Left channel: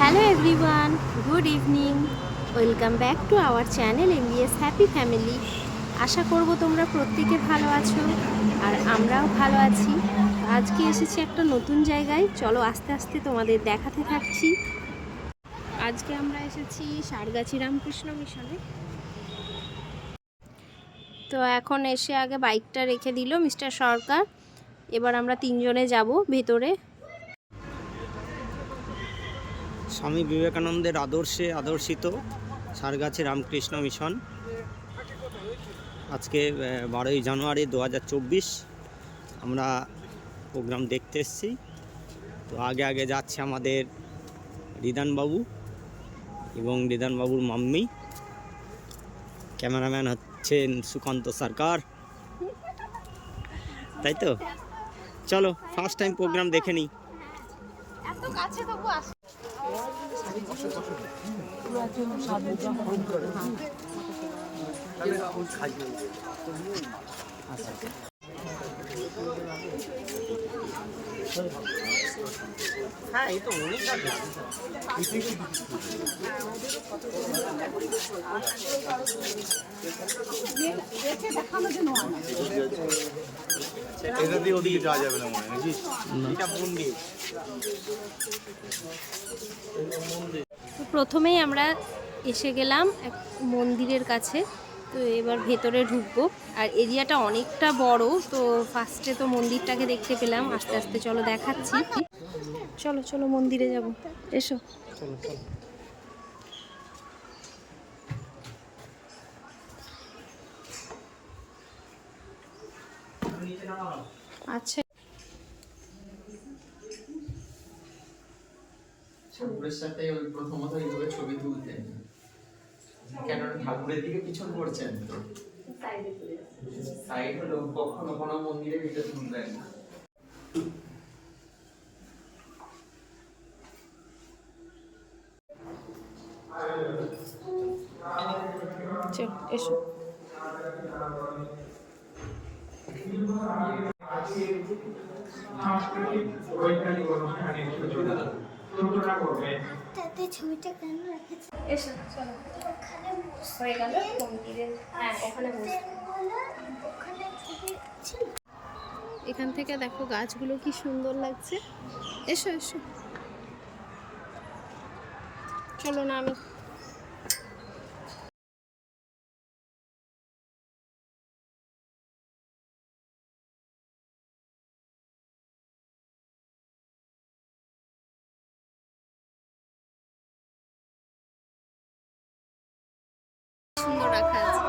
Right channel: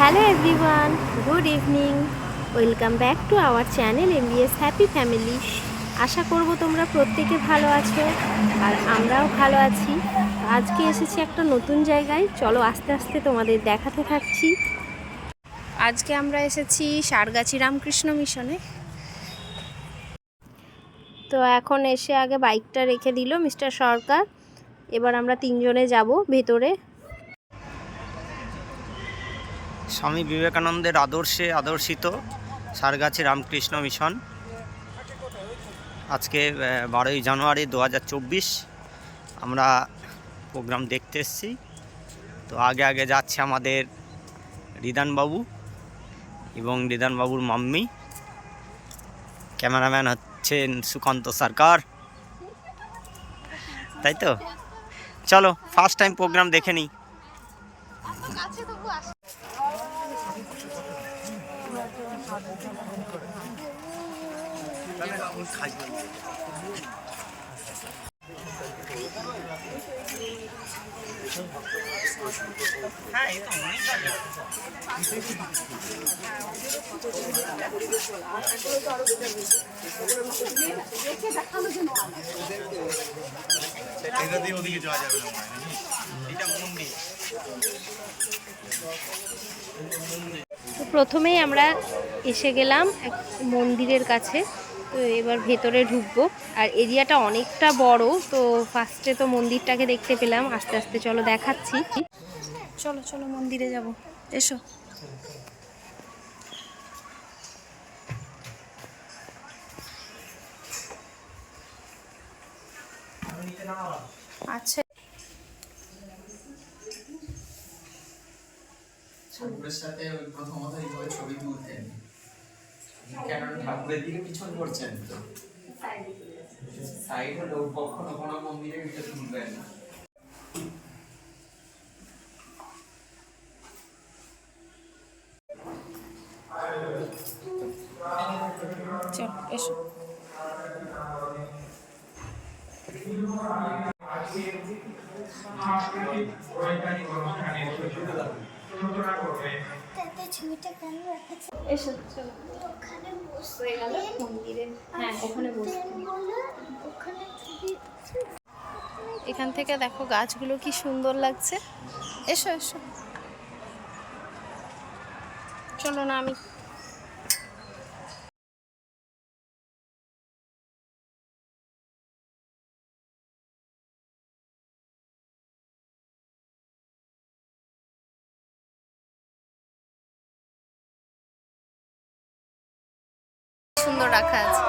Hello everyone good evening welcome back to our channel MBS happy family আশা করব তোমরা প্রত্যেকে ভালো আছো আর আমরাও ভালো আছি। আজকে এসেছি একটা নতুন জায়গায়। চলো আস্তে আস্তে তোমাদের দেখাতে থাকছি। আজকে আমরা এসেছি সারগাছি রামকৃষ্ণ মিশনে। তো এখন এসে আগে বাইকটা রেখে দিল মিস্টার সরকার। এবার আমরা তিনজনে যাব ভেতরে। স্বামী বিবেকানন্দের আদর্শে আদর্শিত সারগাছি রামকৃষ্ণ মিশন। আজকে বারোই জানুয়ারি দু হাজার চব্বিশ আমরা প্রোগ্রাম দেখতে এসেছি। তো আগে আগে যাচ্ছে আমাদের রিদানবাবু এবং রিদানবাবুর মাম্মি। ক্যামেরাম্যান হচ্ছেন সুকান্ত সরকার। তাই তো? চলো ফার্স্ট টাইম প্রোগ্রাম দেখে নিই। হ্যাঁ এই তো অনেক এটা দিয়ে ওদিকে যাওয়া যাবে না নাকি এটা মন্দির প্রথমেই আমরা এসে গেলাম এক মন্দিরের কাছে, তো এবার ভেতরে ঢুকবো। আর এরিয়াটা অনেকটা বড়, তো ফার্স্টে তো মন্দিরটাকে দেখতে পেলাম। আস্তে আস্তে চলো দেখাচ্ছি। চলো চলো মন্দিরে যাব। এসো। আচ্ছা। সাথে ঠাকুরের দিকে পিছন করছেন তো? সাইড হলো কখনো কোনো মন্দিরে ভিডিও তুলবেন না। এসো। তাতে ছবিটা কেন রেখেছে? এসো চলো। হয়ে গেল মন্দিরে হ্যাঁ ওখানে বসবো ওখানে এখান থেকে দেখো গাছগুলো কি সুন্দর লাগছে। এসো এসো। চলো না আমি সুন্দর রাখা আছে।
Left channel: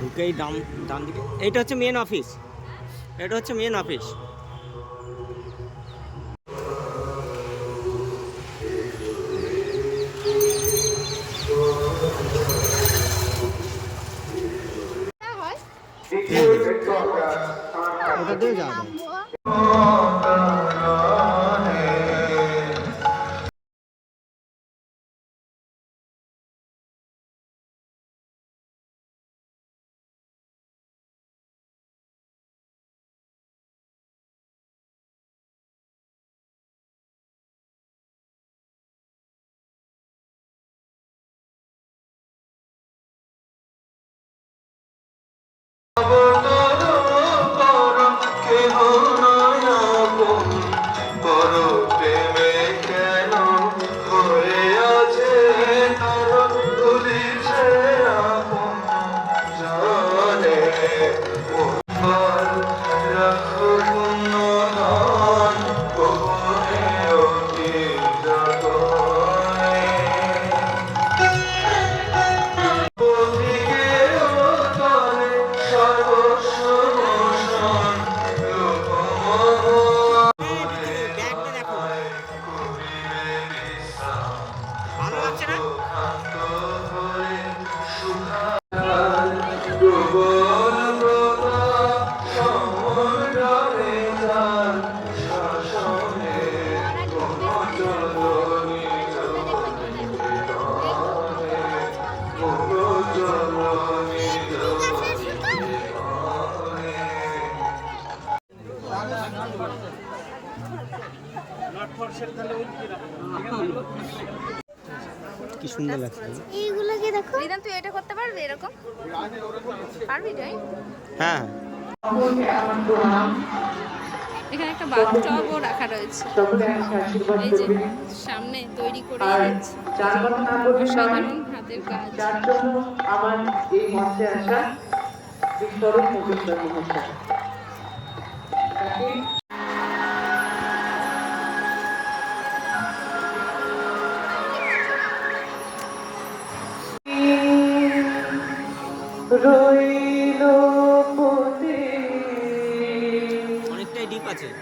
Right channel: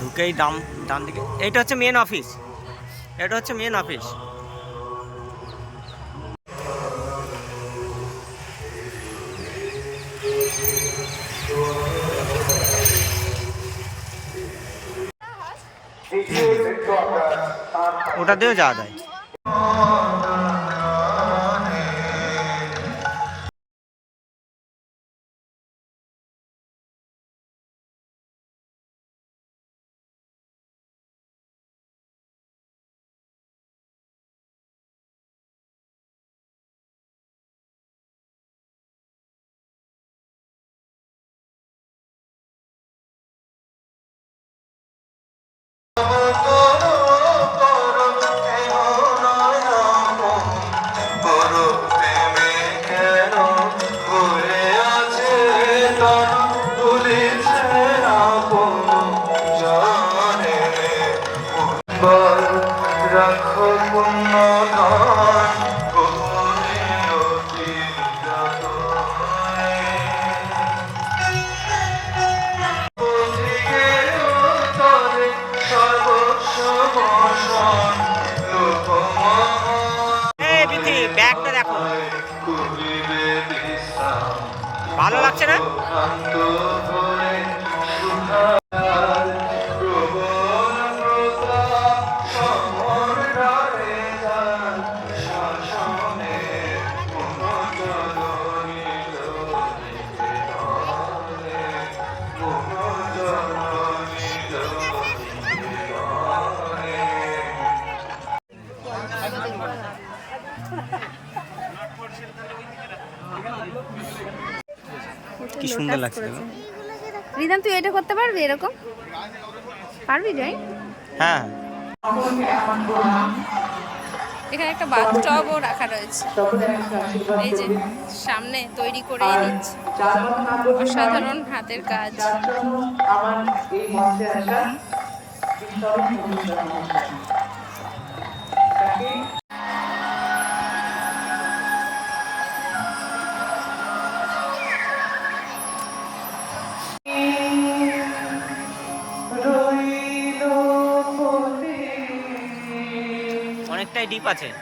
ঢুকেই ডাম ডান দিকে এটা হচ্ছে মেন অফিস এটা হচ্ছে মেন অফিস ওটা দিয়েও যাওয়া যায় কি সুন্দর লাগছে দেখো। রিদান তুই এটা করতে পারবি এরকম? পারবি যাই। হ্যাঁ। এখানে একটা বাথটবও রাখা রয়েছে। এই যে সামনে তৈরি করেই দিচ্ছে। অসাধারণ হাতের কাজ। আমার এই মঞ্চে আসা 이빠지.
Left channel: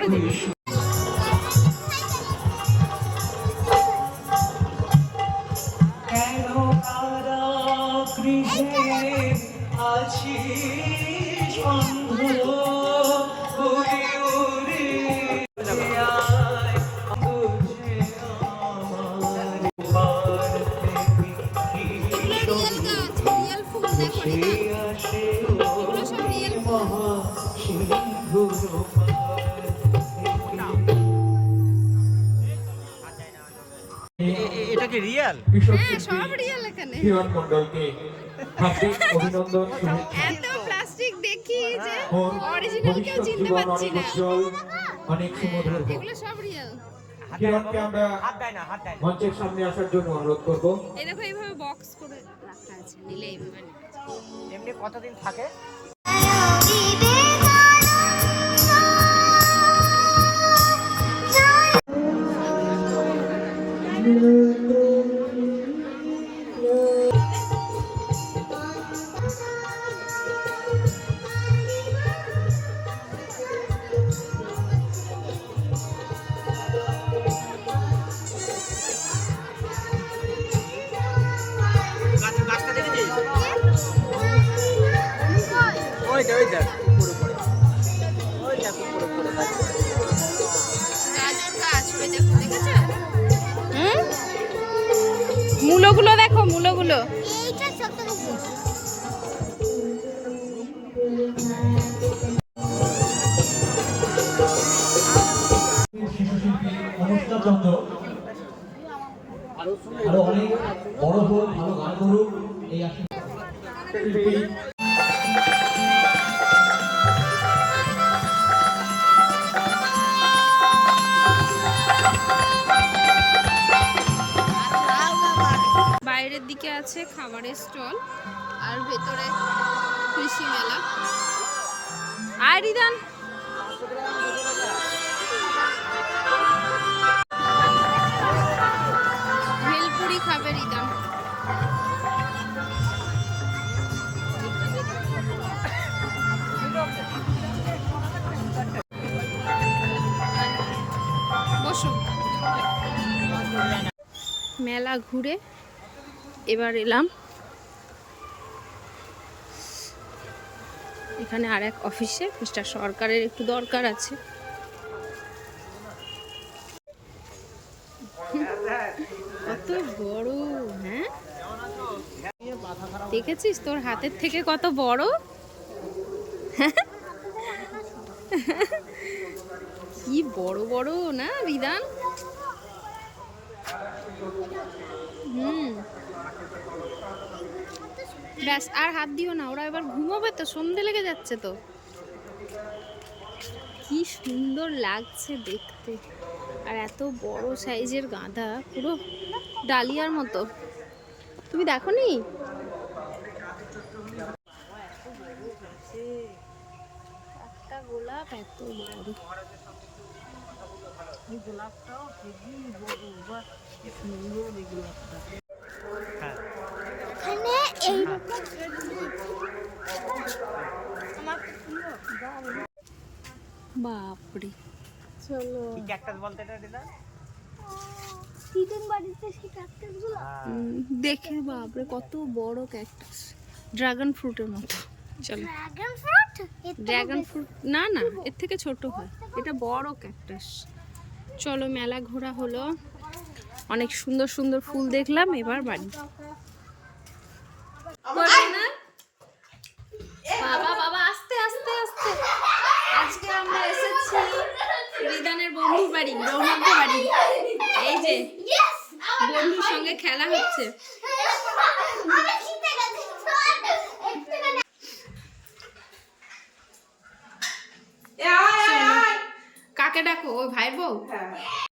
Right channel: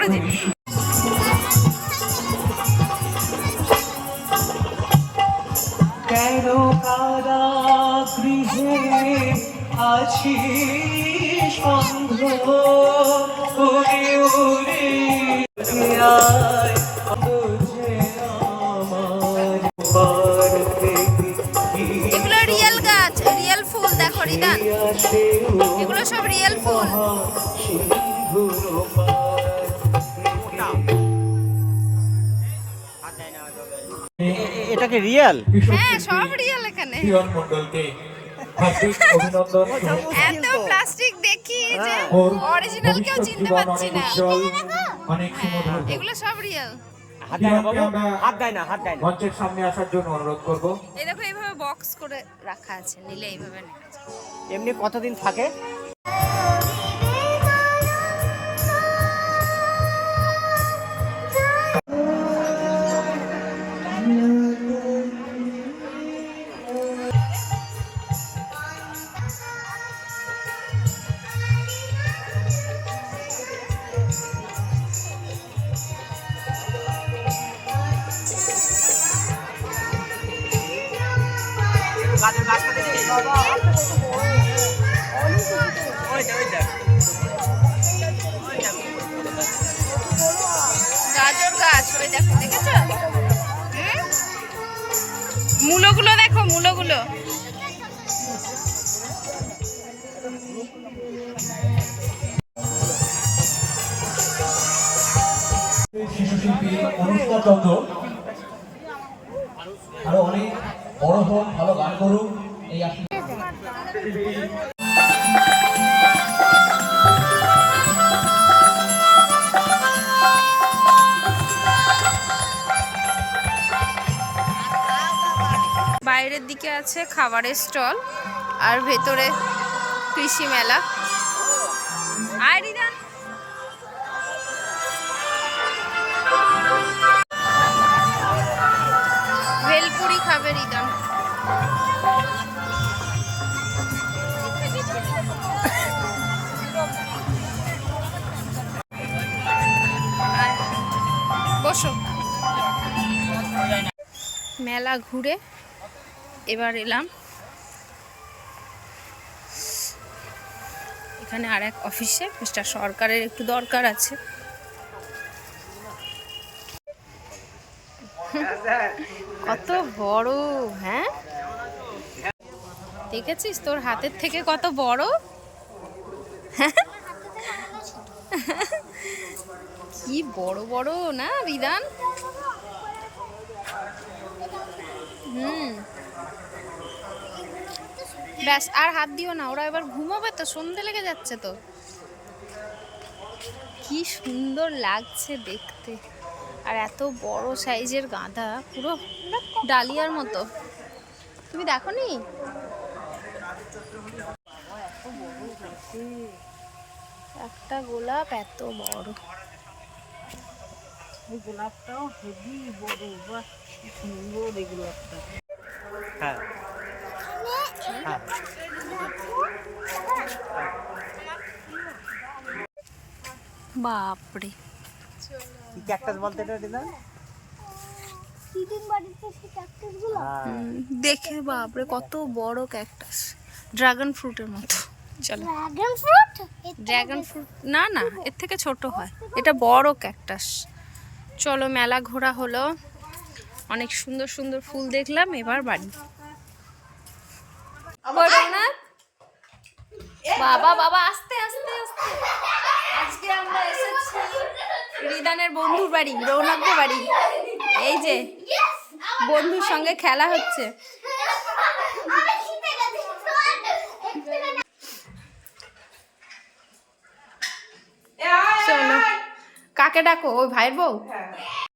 বার থেকে কি এগুলো রিয়েল গাছ রিয়েল ফুল দেখো রিদান। এগুলো সব রিয়েল ফুল। এটাকে রিয়েল? হ্যাঁ সব রিয়েল এখানে। এত প্লাস্টিক দেখি যে অরিজিনাল কেউ চিনতে পারছি না। হ্যাঁ এগুলো সব রিয়েল মঞ্চের সামনে আসার জন্য অনুরোধ করব। এই দেখো এইভাবে বক্স করে রাখা আছে নিলে এইভাবে নেওয়া এমনি কতদিন থাকে? গাজর গাছ, ওই দেখো, দেখেছ? হুম? মূলগুলো দেখো, মূলগুলো। আরও অনেক বড় হোক, ভালো গান করুক, এই শিল্পী বাইরের দিকে আছে খাবারের স্টল আর ভেতরে কৃষি মেলা। আর ভেলপুরি খাবে রিদান মেলা ঘুরে এবার এলাম। এখানে আর এক অফিসে, মিস্টার সরকারের একটু দরকার আছে। কত বড় হ্যাঁ? দেখেছিস তোর হাতের থেকে কত বড়? কি বড় বড়, না বিধান? হুম। ব্যাস, আর হাত দিও না, ওরা এবার ঘুমোবে তো, সন্ধে লেগে যাচ্ছে তো। কি সুন্দর লাগছে দেখতে। আর এত বড় সাইজের গাঁদা পুরো ডালিয়ার মতো। তুমি দেখো নি একটা গোলাপ এত বড়। এখানে এইরকম দেখো বাপরে। চলো। দেখে বাপরে কত বড় ক্যাকটাস ড্রাগন ফ্রুটের মতো। চলো। ড্রাগন ফ্রুট ড্রাগন ফ্রুট না না এর থেকে ছোট হয়। এটা বড় ক্যাকটাস চলো মেলা ঘোরা হলো। অনেক সুন্দর সুন্দর ফুল দেখলাম এবার বাড়ি। করো না? বাবা বাবা আস্তে আস্তে আস্তে। আজকে আমরা এসেছি রিদানের বন্ধুর বাড়ি রৌনকদের বাড়ি। এই যে বন্ধুর সঙ্গে খেলা হচ্ছে। কাকে ডাকো? ওই ভাই বউ?